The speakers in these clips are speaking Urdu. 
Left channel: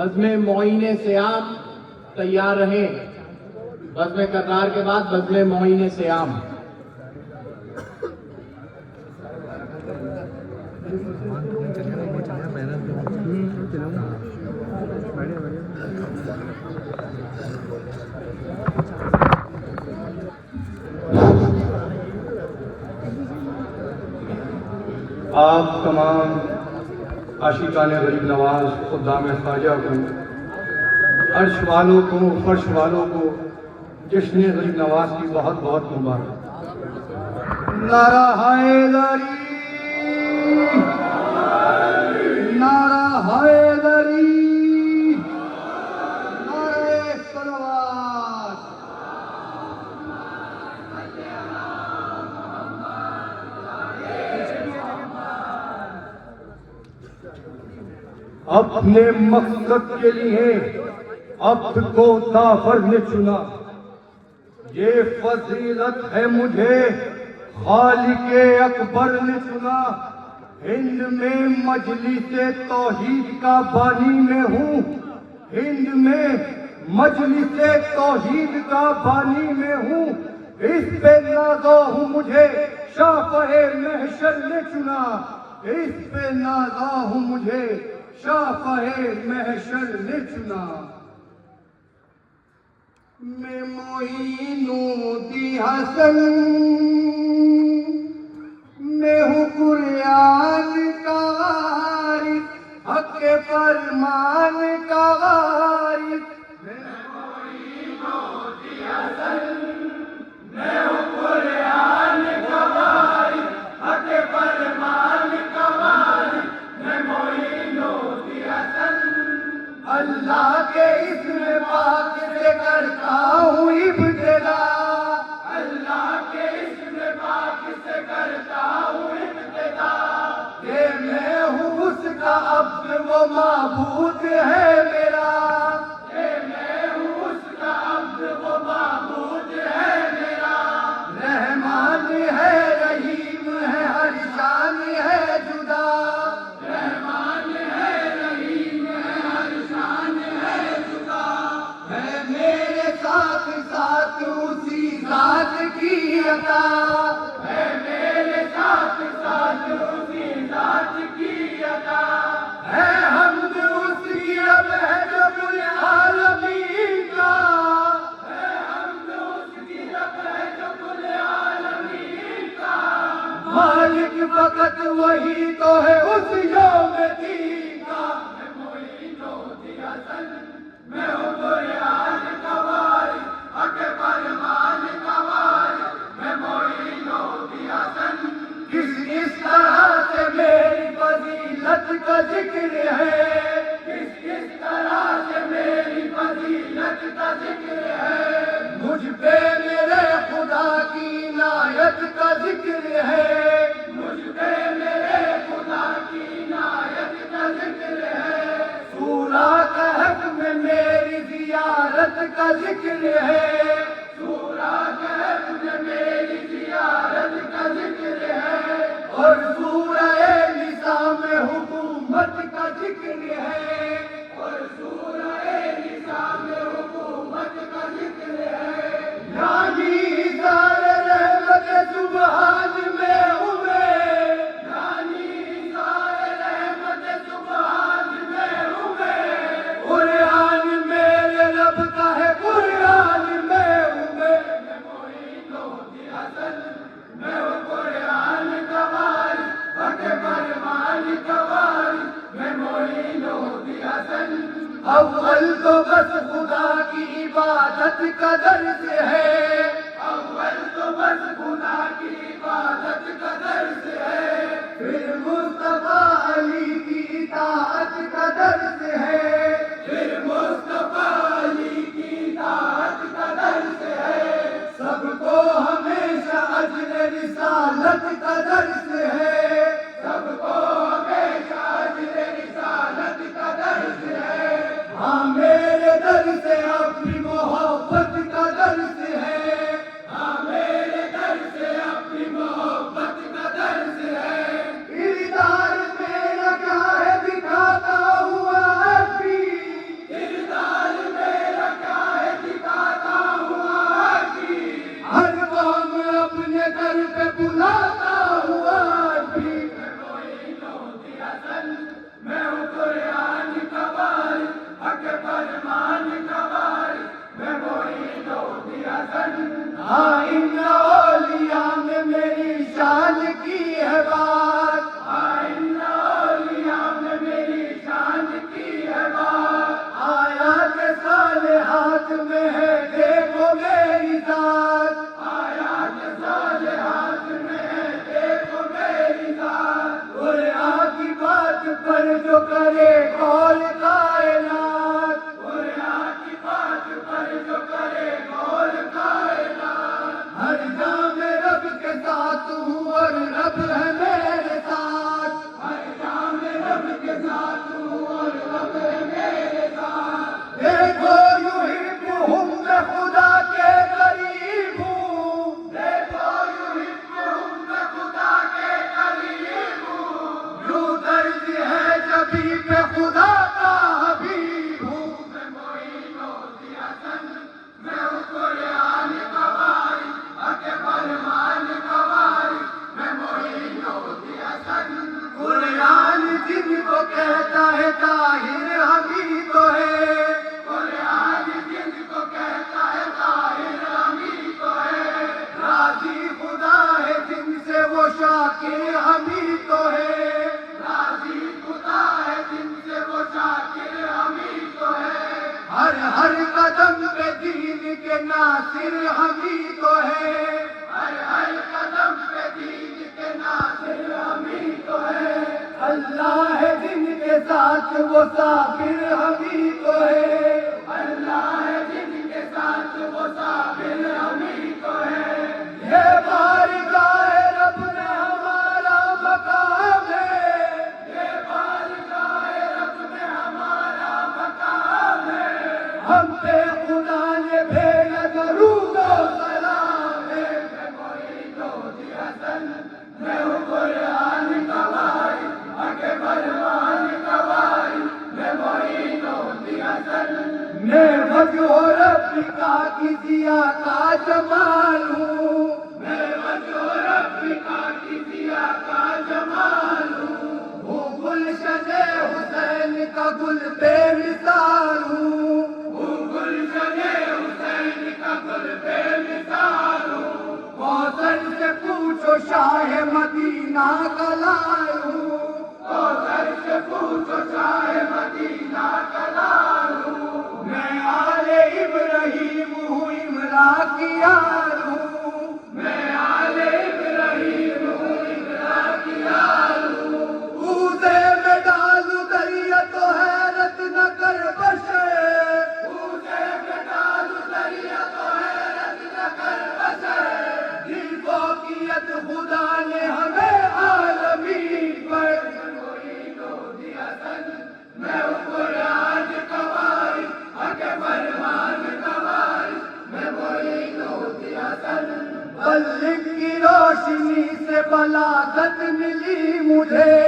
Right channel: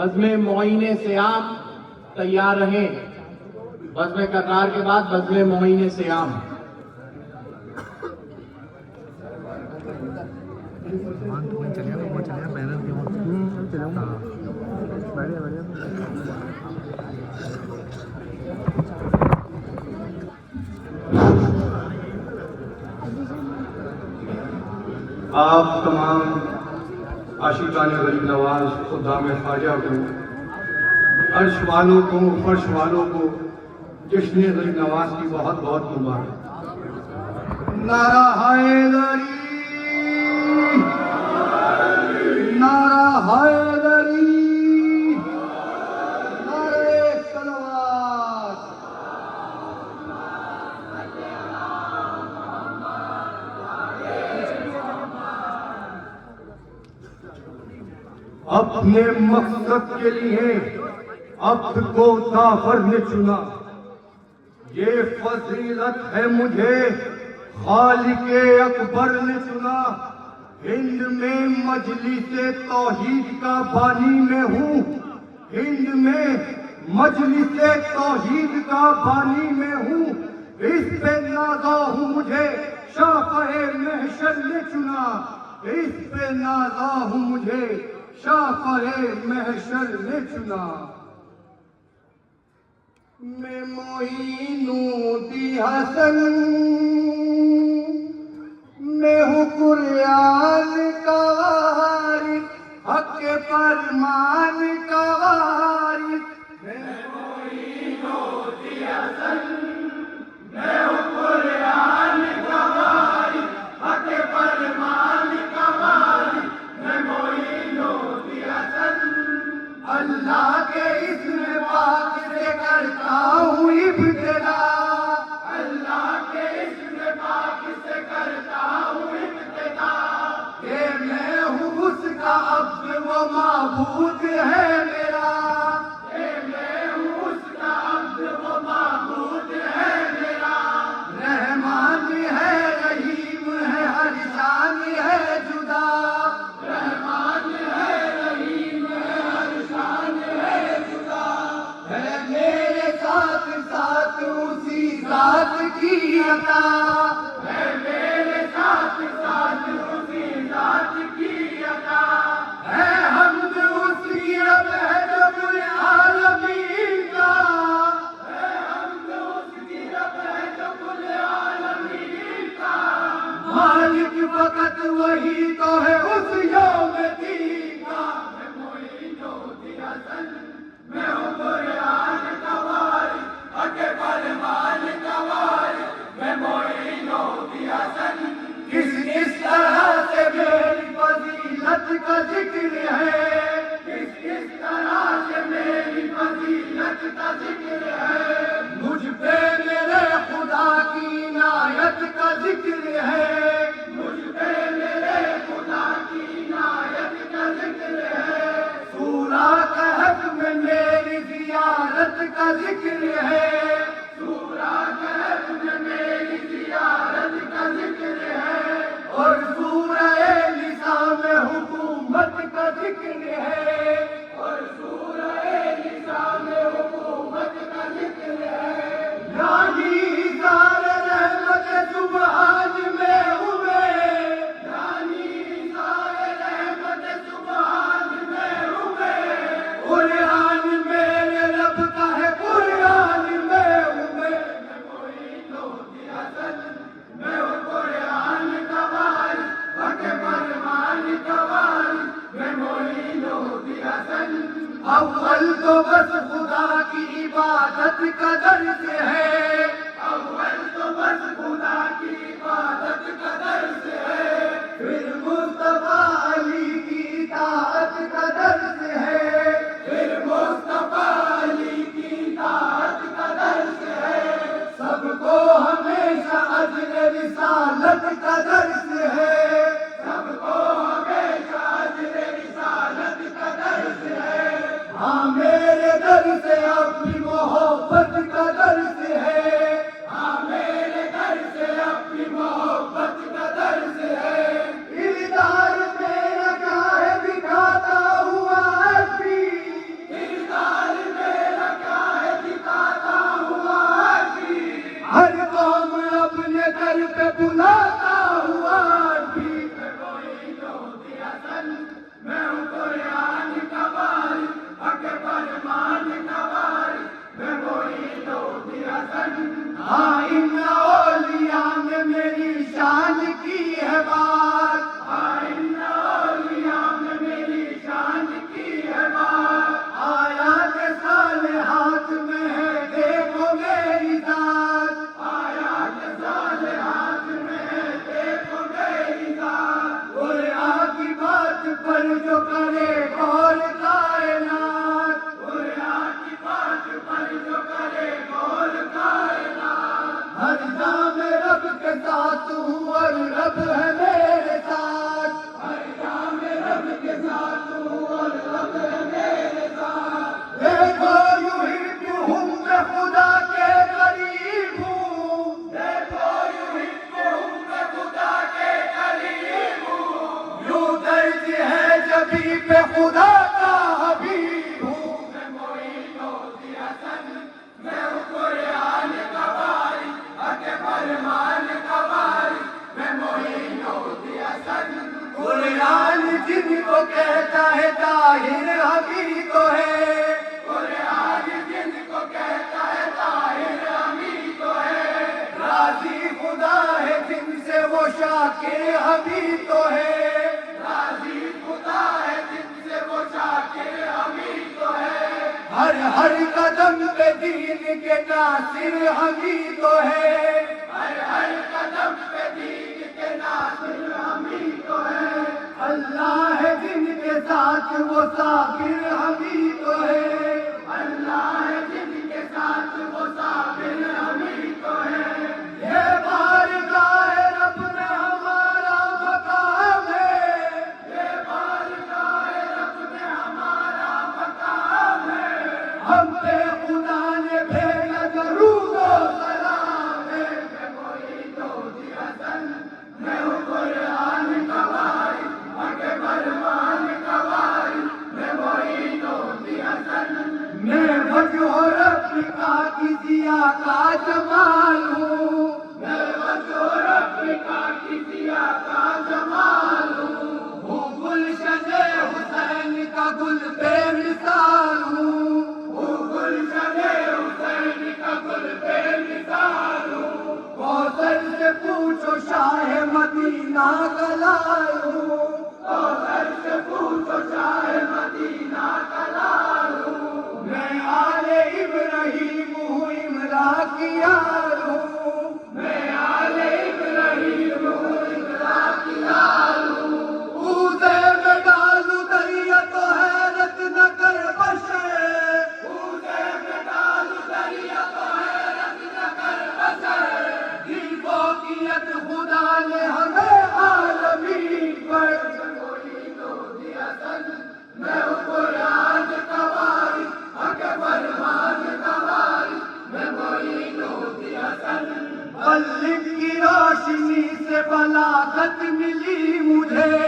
بزم معین سیام تیار رہیں. بزم کرنار کے بعد بزم معین سیام. آپ تمام عاشقان غریب نواز خدام خواجہ کو، عرش والوں کو، فرش والوں کو جشن غریب نواز کی بہت بہت مبارک. نعرہ حیدری، نعرہ حیدری، نعرہ صلوات. اپنے مقصد کے لیے عبد کو کافر نے چنا، یہ فضیلت ہے مجھے خالق اکبر نے چنا. ہند میں مجلس توحید کا بانی میں ہوں، ہند میں مجلس توحید کا بانی میں ہوں. اس پہ نازا ہوں مجھے شافع محشر نے چنا، اس پہ نازا ہوں مجھے شافع محشر نے چنا. میں معین الدین حسن، میں ہوں قرآن کا وارث، حق کے فرمان کا وارث. میں معین الدین حسن، میں ہوں قرآن کا وارث، حق کے فرمان کا وارث. میں معین الدین حسن، اللہ کے اسم پاک سے کرتا ہوں ابتدا، اللہ کے اسم پاک سے کرتا ہوں ابتدا. کہ میں ہوں اس کا عبد و معبود ہے میرا، کہ میں ہوں اس کا عبد و معبود ہے میرا. رحمان ہے، رحیم ہے، ہر شان ہے جدا. رحمان ہے، رحیم ہے، ہر شان ہے جدا. ہے میرے ساتھ ساتھ اسی ذات کی عطا، ہے میرے ساتھ ساتھ اسی ذات کی عطا. ہے حمد اس کی رب ہے رب العالمین کا، ہے حمد اس کی رب ہے رب العالمین کا. مالک فقط وہی تو ہے اس یوم دین کا. میں معین الدین حسن، میں ہوں قرآن کا وارث، حق فرمان کا وارث. میں معین الدین حسن، کس طرح سے میری فضیلت کا ذکر ہے، کس طرح سے میری فضیلت کا ذکر ہے. مجھ پہ میرے خدا کی عنایت کا ذکر ہے، مجھ پہ میرے خدا کی عنایت کا ذکر ہے. سورہ کہف میں میری زیارت کا ذکر ہے، سورہ کہف میں میری زیارت کا ذکر ہے. اور سورہ نساء میں حکومت کا ذکر ہے، اور سورہ نساء میں حکومت کا ذکر ہے. یعنی اظہار رحمت سبحان میں ہوئے، یعنی اظہار رحمت سبحان میں ہوئے. قرآن میرے رب کا ہے، قرآن میں ہوئے. میں معین الدین حسن، میں ہوں قرآن کا وارث، حق فرمان کا وارث. میں معین الدین حسن، اول تو بس خدا کی عبادت کا درس ہے، اول تو بس خدا کی عبادت کا درس ہے. پھر مصطفیٰ علی کی اطاعت کا درس ہے، پھر مصطفیٰ علی کی اطاعت کا درس ہے. سب کو ہمیشہ اجر رسالت کا درس ہے، سب کو ہمیشہ اجر رسالت کا درس ہے. ہاں میرے در سے اپنی محبت کا درس ہے، ہاں میرے در سے اپنی محبت کا درس ہے. ادار میرا کیا ہے دکھاتا ہوا ابھی، کے ناصر ہم ہی تو ہے، ہر قدم پہ دین کے ناصر ہم ہی تو ہے، اللہ ہے جن کے ساتھ وہ صابر ہم ہی تو ہے، اللہ ہے جن کے ساتھ وہ صابر ہم ہی تو ہے، یہ بارگاہ رب میں ہمارا مقام ہے، یہ بارگاہ رب میں ہمارا مقام ہے، ہم پہ خدا نے بھیجا درود و سلام ہے، میں ہوں قرآن کا وارث، حق فرمان کا وارث، میں معین و حسن، میں وجہ رب کا کسیا کا جمال ہوں، میں وجہ رب کا کسیا کا جمال ہوں، ہوں گلشن حسین کا گل بے مثال ہوں، گلشن حسین کا گل بے مثال ہوں، کوثر سے پوچھو شاہ مدینہ کا لال ہوں، کوثر سے پوچھو شاہ مدینہ کا لال ہوں، میں آل ابراہیم ہوں امرا کی یار ہوں، میں آل ابراہیم ہوں امرا کی یار ہوں، کوزے میں ڈالوں دریا تو حیرت نہ کر بشر، کوزے میں ڈالوں دریا تو حیرت نہ کر بسر، دل فوقیت خدا نے ہمیں عالمین پر، میں ہوں قرآن کا وارث، حق فرمان کا وارث، میں معین و حسن، بلغ کی روشنی سے بلاغت ملی مجھے،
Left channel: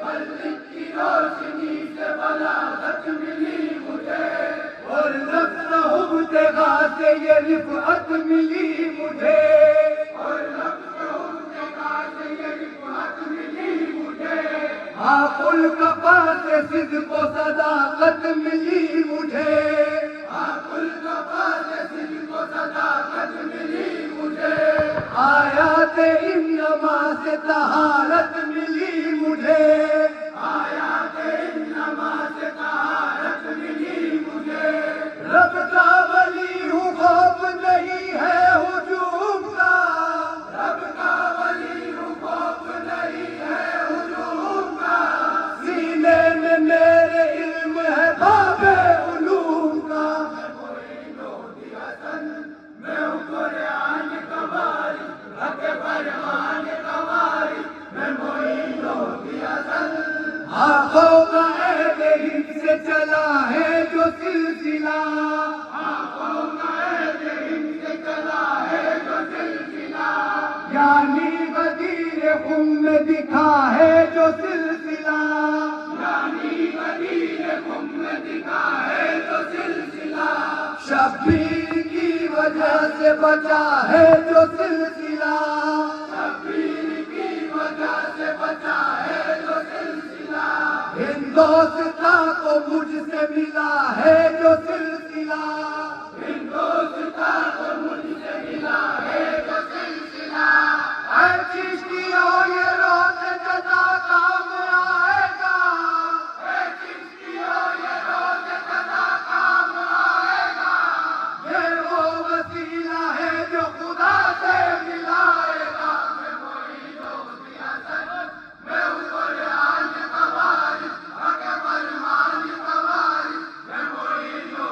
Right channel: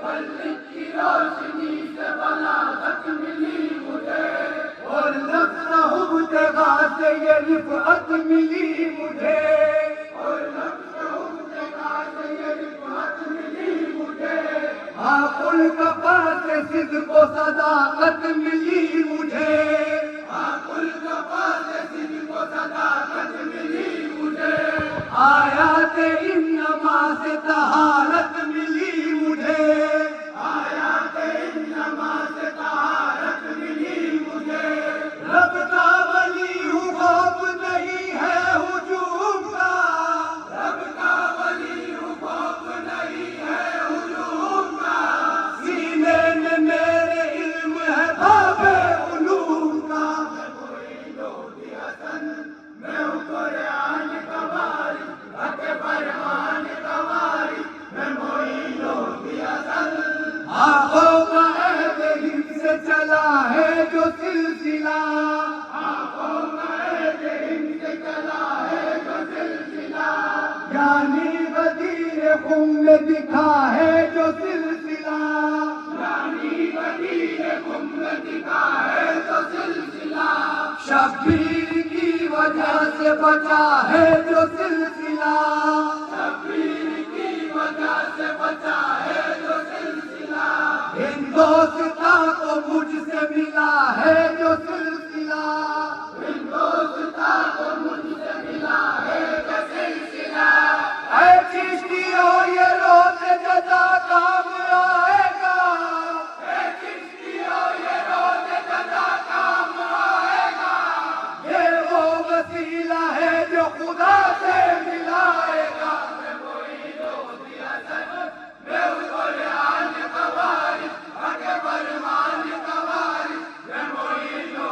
بلغ کی روشنی سے بلاغت ملی مجھے، اور نفس ابتغا سے یہ رفعت ملی مجھے، اور نفس ابتغا سے یہ رفعت ملی مجھے، آپ الکفا سے صدق و صداقت ملی مجھے، حق القفا سے صدق و صداقت ملی مجھے، آیات انما سے طہارت ملی مجھے، آیات انما سے طہارت ملی مجھے، رب کا ولی ہوں خوف نہیں ہے ہجوم کا، رب کا ولی ہوں خوف نہیں ہے ہجوم کا، سینے میں میرے علم ہے باب علوم کا، میں ہوں قرآن کا وارث، حق فرمان کا وارث، میں معین و حسن، آنکھوں کا عہد ہند سے چلا ہے جو سلسلہ، آنکھوں کا عہد ہند سے چلا ہے جو سلسلہ، یعنی غدیر خم میں دکھا ہے جو سلسلہ، یعنی وزیر خم میں دکھا ہے جو سلسلہ، شبیر کی وجہ سے بچا ہے جو سلسلہ، شبیر کی وجہ سے بچا ہے جو سلسلہ، ہندوستان کو مجھ سے ملا ہے جو سلسلہ، ہندوستان کو مجھ سے ملا ہے جو سلسلہ، اے چشتیو یہ روز جزا کام آئے گا، اے چشتیو یہ روز جزا کام آئے گا، یہ وہ وسیلہ ہے جو خدا سے ملائے گا، میں ہوں قرآن کا وارث، حق فرمان کا وارث، میں معین و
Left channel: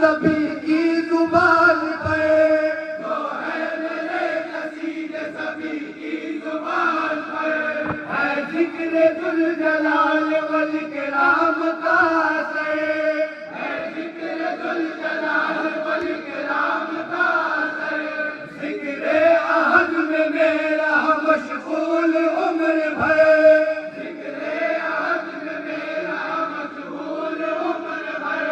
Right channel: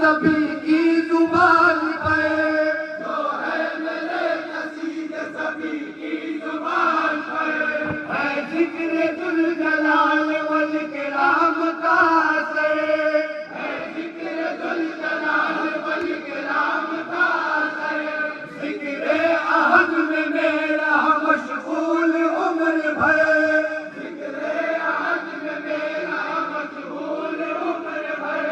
سبھی کی زبان پر، جو ہے میرے قصیدے سبھی کی زبان پر، ہے ذکر ذوالجلال والکرام کا اثر، ہے ذکر ذوالجلال والکرام کا اثر، ذکر احد میں میرا مشغول عمر بھر، ذکر احد میں میرا مشغول عمر بھر،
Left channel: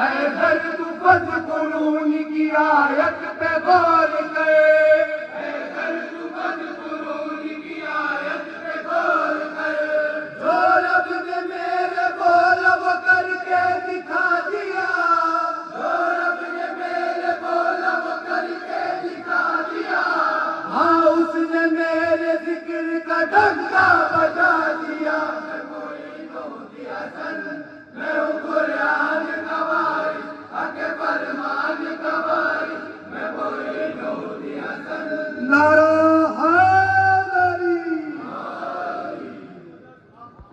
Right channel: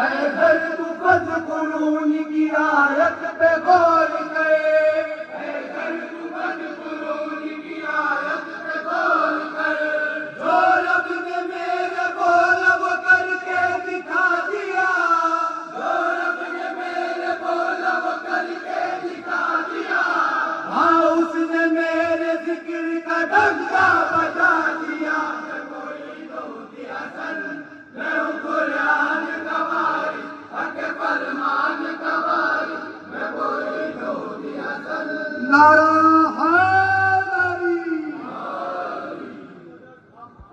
اے درد فاذکرون کی آیت پہ غور کرے، اے درد فاذکرون کی آیت پہ غور کرے، جو رب نے میرے بولب کر کے دکھا دیا، جو رب نے میرے بولب کر کے دکھا دیا، ہاں اس نے میرے ذکر کا ڈنکا بجا دیا، میں مرید ہوتی حسن، میں ہوں قرآن کا وارث، حق فرمان کا وارث، میں مرید ہوتی حسن، نعرہ